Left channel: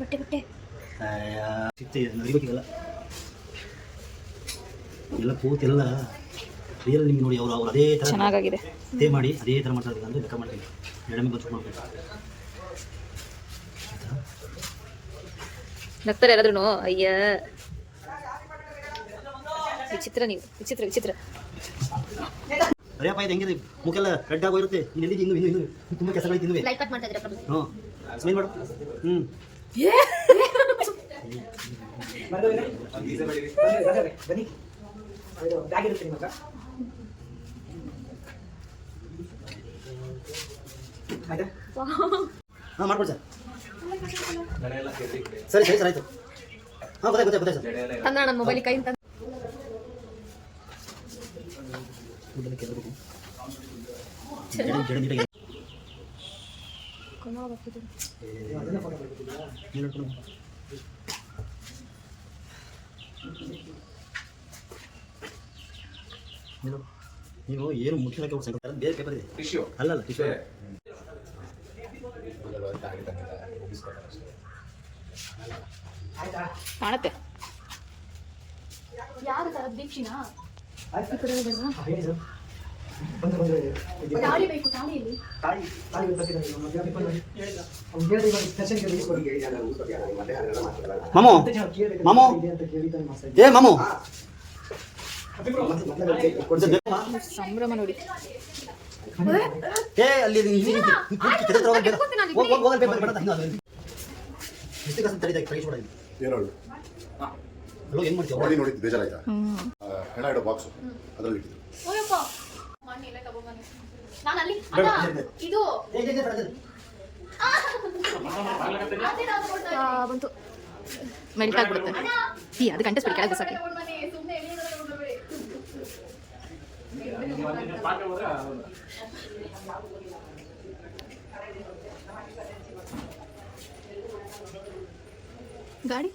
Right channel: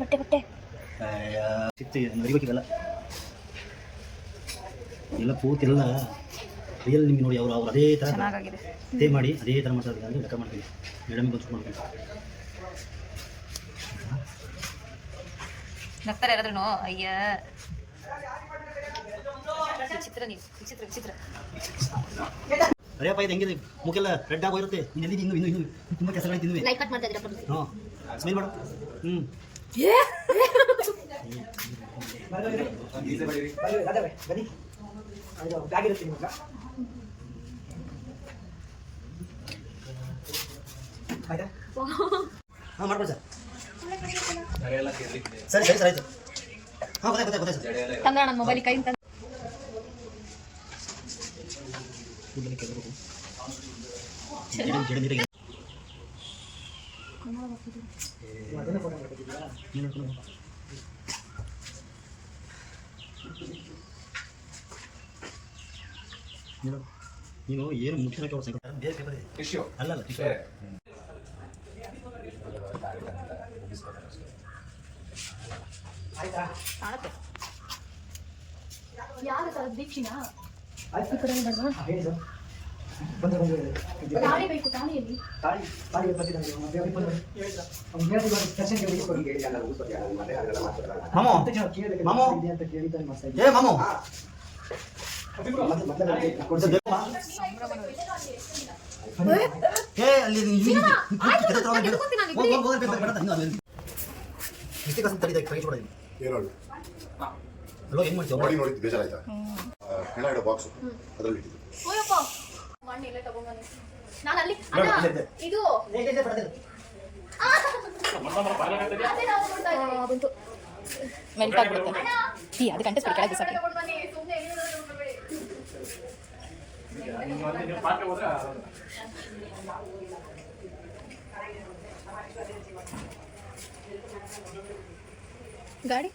ಬಟ್ಟೆ ಬಟ್ಟೆ ನಡಿಬೇಕೀಗಲ್ಲ ಎಲ್ಲ ಕೂತೆಲ್ಲ ರಿಯಲ್ ನಿಮ್ಗೆ ನೋಡಿ ಅವರು ಅದೇ ಥರ ಚೆನ್ನಾಗಿದೆ ಅದೇ ಮಾಡಿ ಅದೇ ಥರ ಮಾಡ್ತಾರೆ ಅಂದರೆ ಲೆಕ್ಕ ಮಾಡ್ತೀನಿ ಮೇಡಮ್ ಬಂದು ಮಾಡ್ತೀನಿ ನಗ್ತಾರೆ ಯಾರಾದ್ರೂ ಅಯ್ಯ ವಿಚಿತ್ರ ನೀವು ವಿಚಿತ್ರ ವಿಚಿತ್ರ ಅರೇಪ್ಪ ಇದು ಹೆಂಗಿದೆ ಮುಖೆಲ್ಲ ರೆಡ್ ಆಗೋಗಿರುತ್ತೆ ನೀನು ಎಲ್ಲಿದ್ದು ಇನ್ನೂ ಇನ್ನೂ ಇನ್ನೂ ತುಂಬ ಕೆಲಸಗಳಿತ್ತು ಇನ್ನೂ ಲೈಕ್ ಕಟ್ ಮಾಡ್ತಾ ಇದ್ದೀರಾ ಹಾಂ ಸ್ಮೈಲ್ ಮಾಡು ಬನ್ನಿ ಆಯ್ತಾ ಹಾಂ ಮಾಡ್ಬೋದು ಸರ್ ಸರಿ ಸರಿ ಆಯ್ತು ಹಾಂ ಗೊತ್ತಾಯ್ತು ಸರ್ ತಂದ್ರ ನನ್ನ ಮೊಬೈಲ್ ಕೈ ತಂದು ನೀವು ಏನು ಮುಖ್ಯವಾಗಿ ಅವ್ರು ಬೇರೆ ಪೇಪರ್ ಇದೆ ಟಿಶ್ಯೂ ಅಲ್ಲಲ್ಲ ಟಿಶ್ಯೂ ಕಾಣುತ್ತೆ ಯಾರು ಸರ್ ದೀಕ್ಷಿನಾ ಈ ಕಡೆ ಬೇಡವಾ ತಾಳಿ ಬೇಕು ತಾಳಿಯಲ್ಲಿ ಮಾಮು ಮಾಮು ಏ ಮಾಮು ಸಂಭ್ರಮ ನೋಡಿ ಏ ಅಲ್ಲಿ ಅಲ್ಲೋ ಏನು ಮಾಡ್ತೀವಿ ನೋಡಿ ನೋಡಿದ್ದು ಬೇಜಾರಾಯ್ತಾ ಹೆಣ ಇಡೋ ಬಾಕ್ಸು ಅದರಲ್ಲಿ ಓಯಪ್ಪ ಮಣ್ಣು ಇಲ್ಲೇ ತಗೊಂಬನ್ನಿ ನಾನು ಅಲ್ಲಿ ಅಣ್ಣ ಇದು ಬಂತು ಮೆಲ್ಟ್ ಆಗ್ಬಿಡುತ್ತೆ ಟೀ ಅದು ಗಂಟೆ ಸ್ಪೀಡ್ ಕೆಳಗೆ ಬಸಕ್ಕೆ ಗಾಡಿ